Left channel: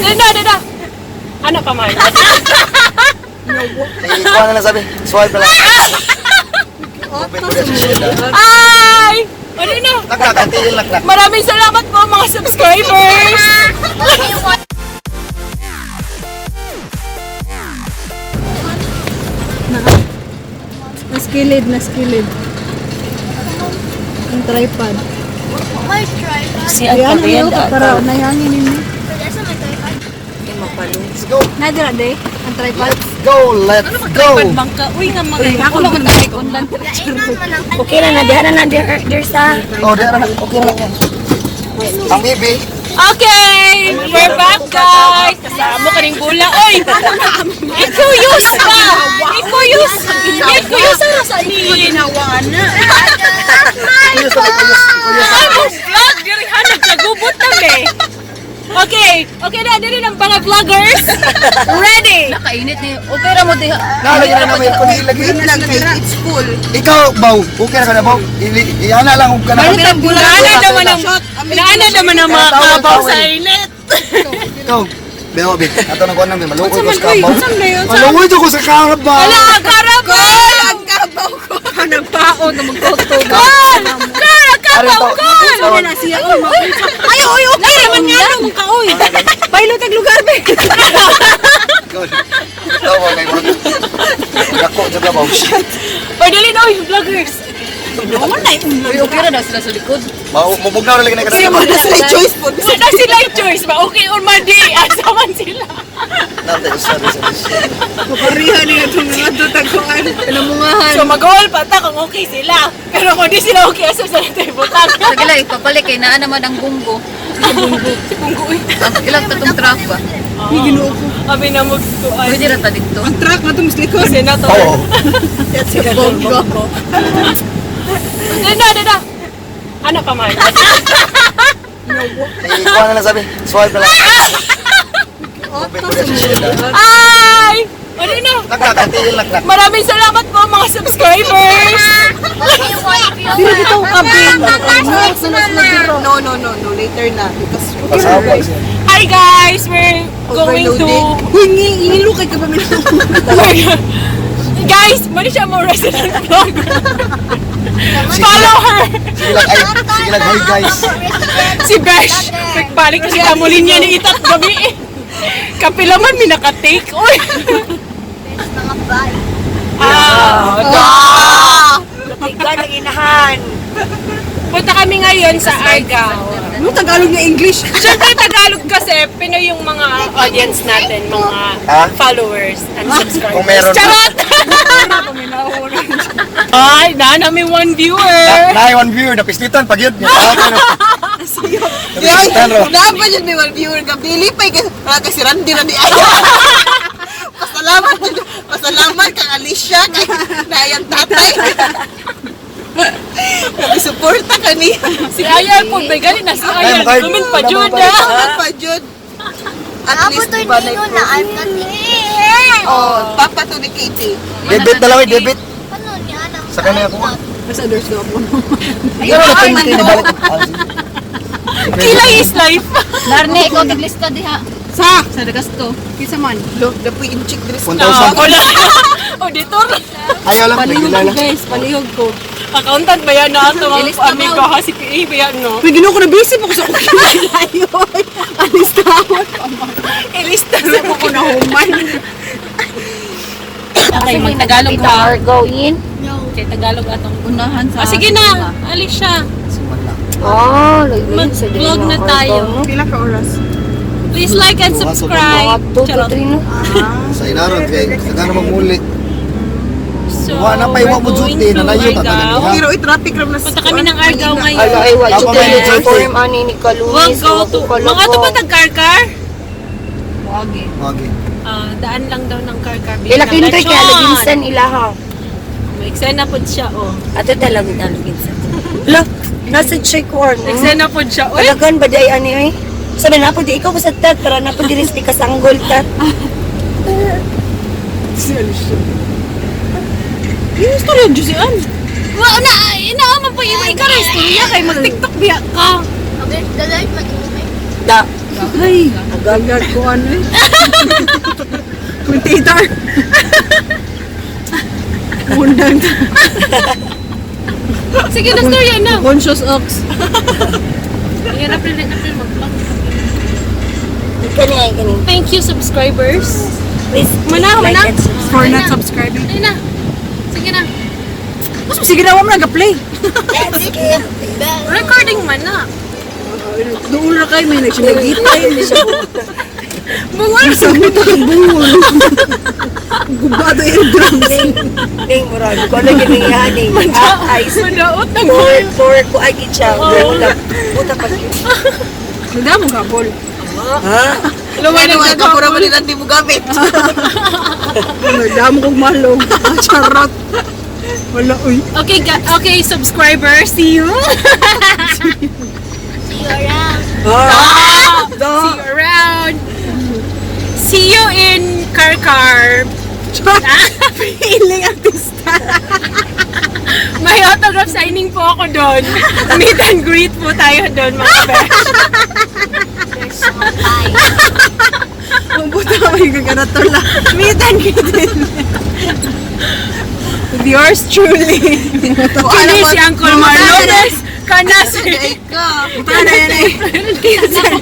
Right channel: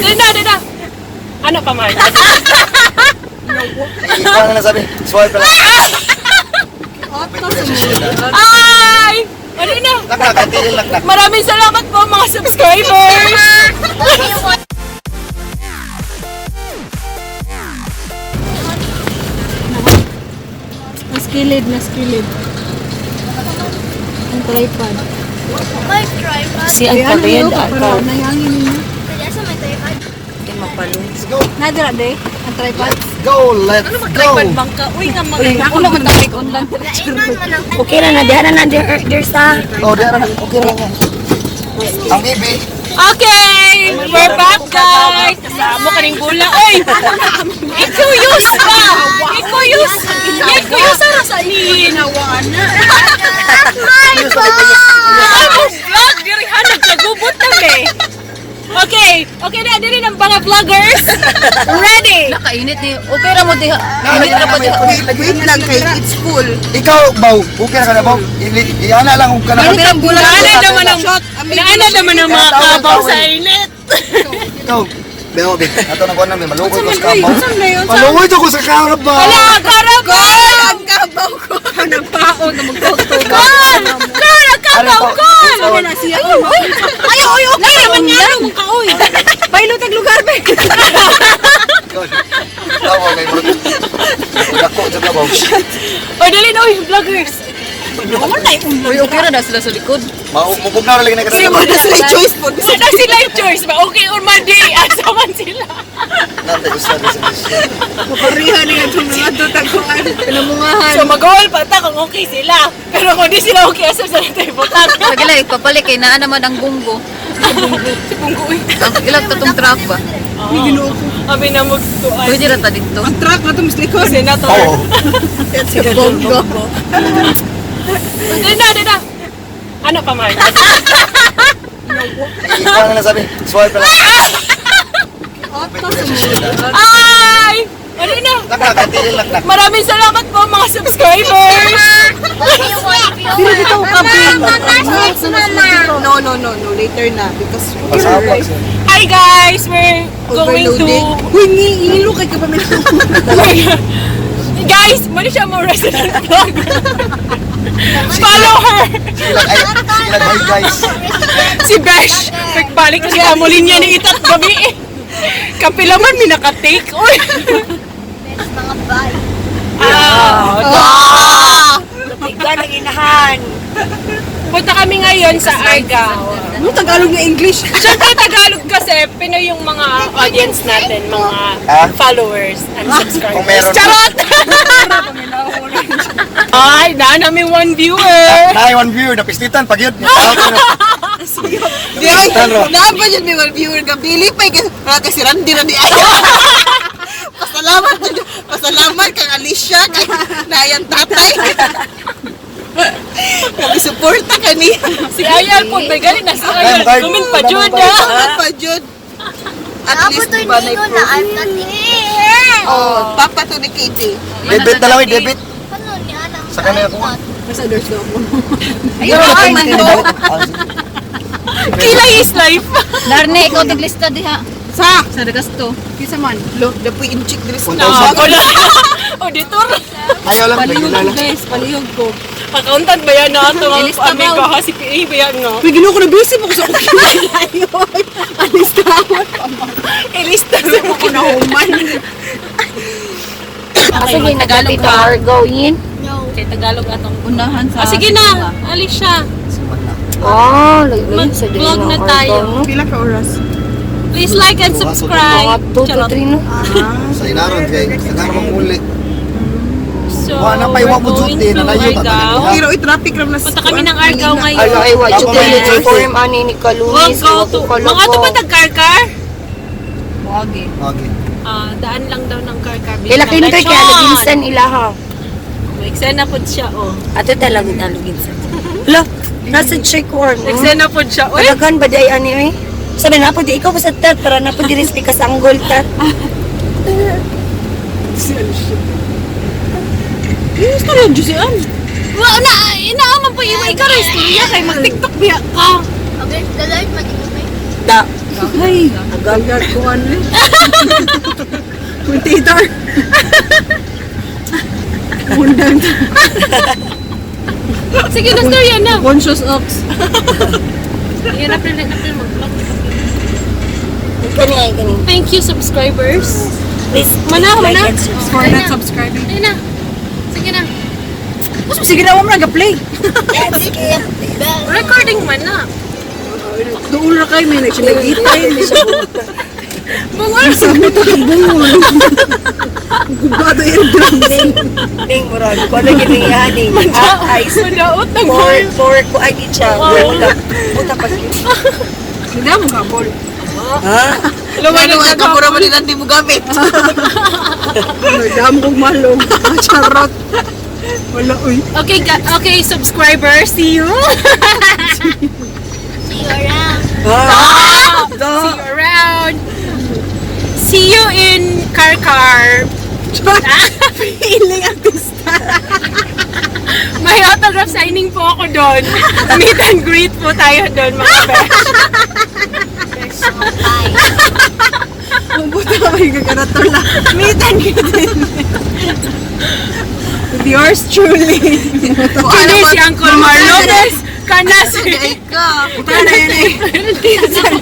Dada. Ano pa man? Ano na sabi? Swipe pala. Ay! Ano na? Maraming salamat po mga subscribers! Na skilled. Ang tripod. May tripod. Si Kaya ano yun, para nayangin yun. Kaya sa may tripod. Nadra de, ang tripod. Let's go! Bangka. Uy, nga mga. Ako naman nag-undan. Okay na na, diyan na there's a... Oh, dara na. Okay na lang. Ang baby. Okay! We're back, guys! Kasama ka rin bula. Oy! Ikuyos ka! Ikuyos! Ikuyos ara sa inawana. Ay, mong vlog! Dirihan, nagkagubot lang eh. Okay na, dili ng mga vloggers. Ready! Kainit ni, okay na mo diha. It's full. Ikaw, Baw. Okay na ka na, Baw. Iana lang kung ka na. Naanay naman ang mga kabaw sa init. Ikaw. Beho, be. Ato na ko nun. Malukoy ko sa kabaw. Malukoy ko sa karap ba? Hala, karabal! Ang kabaw ko. Nagpako na magkakto. Kol! Kakaw, kol! Ay, okay naman nga nung kaoy. Bailo tag lugar ba? Tawa na yun. Dako, dako, Baw. Or dali na, oy, vloggers. Wala na yung okay na sila sa likod. Mabog na rin na ka Sige, wala sila choice po. Wala sila yung choice ba? Okay or madi? Asa man sila? Parihan niya itong mga tutakuan. Inamungahan. So mag-all pa ta kung okay sila. Pero kung di sila okay, asa sa tayo butang. Sagala, ipapalik kay naa naman ang bunggo. Si Punggoy. Ilang tatong truck ba? Kami na magtuan. Pwede rin pa dito. Ang truck na ito, Mr. Iko. Senator. Bunggo. Dada. Ano pa man? Ano na sabi? Swipe pala. Ay! Ano na? Maraming salamat po mga subscribers! No. Later na. Because... Hi guys! We're going to... Uy, inilukay ka pa Guys! Mali siya mo resident vlogger. Follow her! Sige lang, hey guys. Si Besh! Pagbalik kasi amulin niya ni Itat gabi. Kapilaman mi naka-take. Uy! Lupigan ang inahan. Punta kami ngayon sa Argao. Ano Tagalog na English? Siyempre Tagalog kasi Pinoy yung mga audience natin, mga followers and Kung subscribers. meron. Charot! Ay, na namin one viewer. Naay one viewer, napistitan pag yun. Ay, naapa dyan may one viewer ka. Pili pa kasi Randy na di ay. Pasalamat kang Alicia, kay Nayan Tatay. Suporta ka niya. Si Ayal po, may galing na si Ayal. Comment pa Jud Pa Jud. At least di ba na na I'm not here. Oh, papa to ni Katie. Debit na lang, debit. Paano niya alam? Sa kanya ako. Basta there's no one. Ayun, kinibalik ang Kilay is life. Narne, ikaw tiglista diha. Sa? Sa Dagasto. Kisa man. Lo, dapoy in-check dress. Wala. Auditor. Ayaw lang, nagilala. Guys, palihog ko. Accountant ba yan na ito ang amiga ha? Si PA ba yan no? Uy, ginawa ko na busy pa ko sa Alis ka ako. Ilista Ako na human. Okay, mag-Tagalog ka. Going. Okay, Tagalog atong. Unahan sa... Sige na, alis siya. Oh, Mag-vlog na tayo. Pila ka oras? Please like and subscribe. Charot. Sa inaron, kaya nagkakaroon mong ulit. So, Wala pa iwan ko we're going dyan, to nalayo, Argao. Pero traffic ram na. Punta kami ng Argao ngayon. Ay, Watch Ako the ba, uniform ani ni We'll Kalunis. go to... Mga ito ba tag-car-car? Wagi. Okay. Daan lang daw ng car-car. Ila kintoy kaya laginsan ilaha. Eksena po siya, oh. Ato talaga na laginsan. La, nasa check war no. Eksena po siya. Uy! Talagan ba day ani oy? Sabi na po di ikaw basta tat para na po diris di kasanggol tat. Yung istorya dyan si Ann. Inaaman po yung ikaw na istorya kay mag-tiktok biya ka. Okay, the light mag-iumay. Da. Ay, nagalag ko ano. Potato. Undang. Sige na, story yan na. Conscious ox. Yan na, pilit na pilit mag-vlog. Kani. Thank you, subscribers. Please, Mana, like mana. and subscribe. For not subscribing. Ayun na. Sige na. Sige na mo nag-play. Sige. Recording man na. Doon na kayo, may nagsinagitay. Mga Sabi ko ng buhol. Gubado yung grandin. ding murag ko lang ginihan ni. Ice. Madaot ng For ko ay kitsa. Buta pa. Hindi mo kapol. Ha? Lumay na Pura mo rin ang di mo gamit. Dami kong malong. Charot. Wala, uy. Okay, subscribers, see you. See you around. See you around. See you in Karkar. Feeling artista. May autograph signing po ako doon. Meet and greet po tayo doon, mga best. Mabuti ka may gaganator lang. Meet and greet. Yours truly. Kini si Uncle Mar Lopez. Kana si...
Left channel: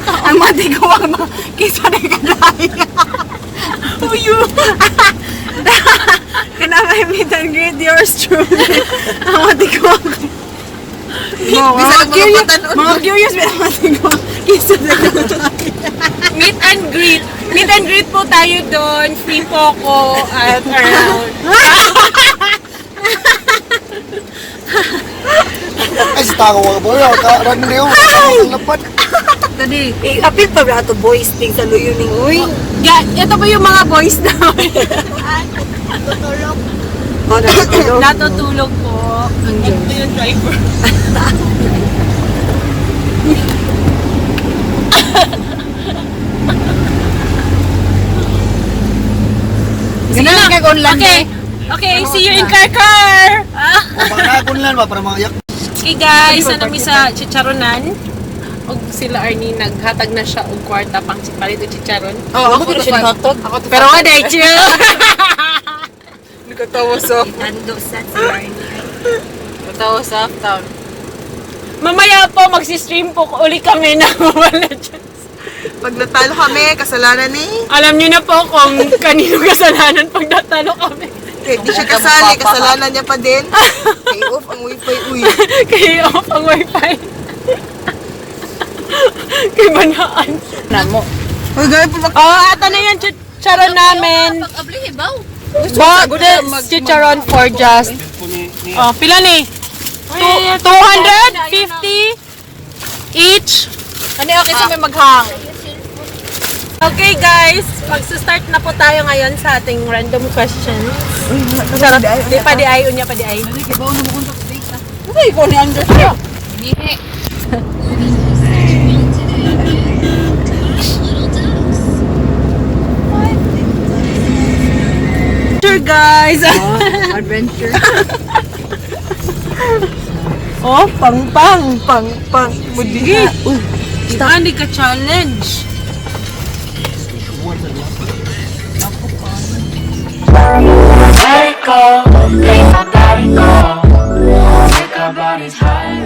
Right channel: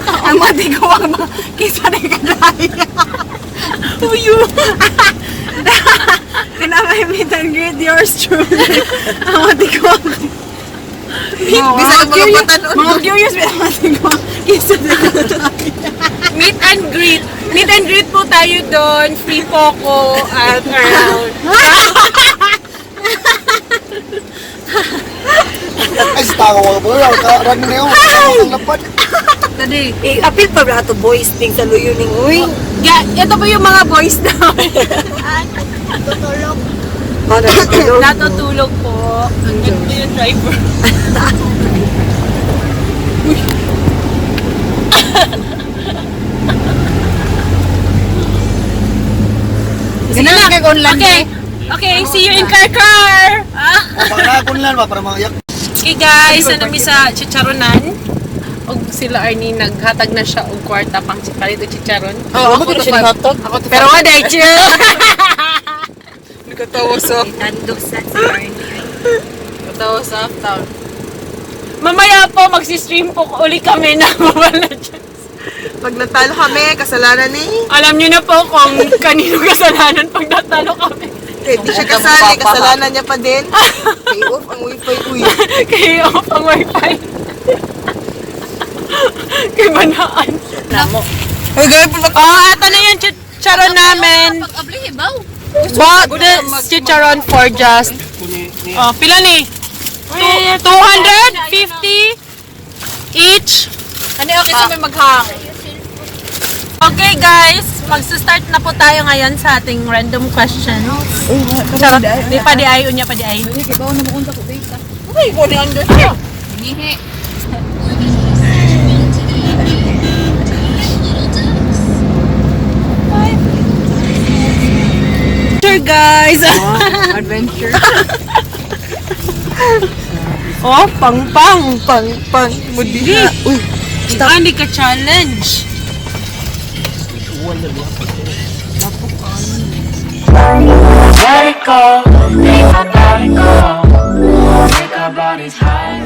Ang mati ko ang kisa na kagaya. Uyo. Kaya may meet and greet, yours truly. Ang mati ko. Mga curious, may mati ko. Kisa na kagaya. Meet and greet. Meet and greet po tayo doon. Free po ko at around. Ay, si Tako mga boy. Karami na yun. Ang lapat. Tadi. Apil pa ba ito boys ting sa luyo ni uy. Ito po yung mga boys namin. Oh, natutulog. Natutulog po. Ito yung driver. Okay. Okay, see you in Karkar. Pangakon lang ba para mga yak. Okay guys, nami sa chicharonan. Og sila Arnie naghatag na siya og kwarta pang palito chicharon. Oh, ako to hatag. Pero nga dai chill. Katawa sa Tandog sa si katawa sa after. Mamaya po magsi-stream po uli kami na Mobile Legends. Pag natalo kami, kasalanan ni. Alam niyo na po kung kanino kasalanan pag natalo kami. Eh, di siya kasali, kasalanan niya pa din. Kay off ang wifi, uy. Kaya off ang wifi. Kay banaan. Uy, gawin po ba? Oh, ito na yung chicharon namin. Bought this chicharon for just pila ni? 250 each. Ano yung kasi may maghang? Okay guys, magsa-start na po tayo ngayon sa ating random questions. Charot, di pa di ay, unya pa di ay. Hindi, kaya bawa na mo kung sa date na. Uy, ikaw ni Andrew. Gihe. Adventure guys! Adventure. Oh, pang. Budhi. Hindi ka challenge. Let it go, make my body go. Take our bodies high.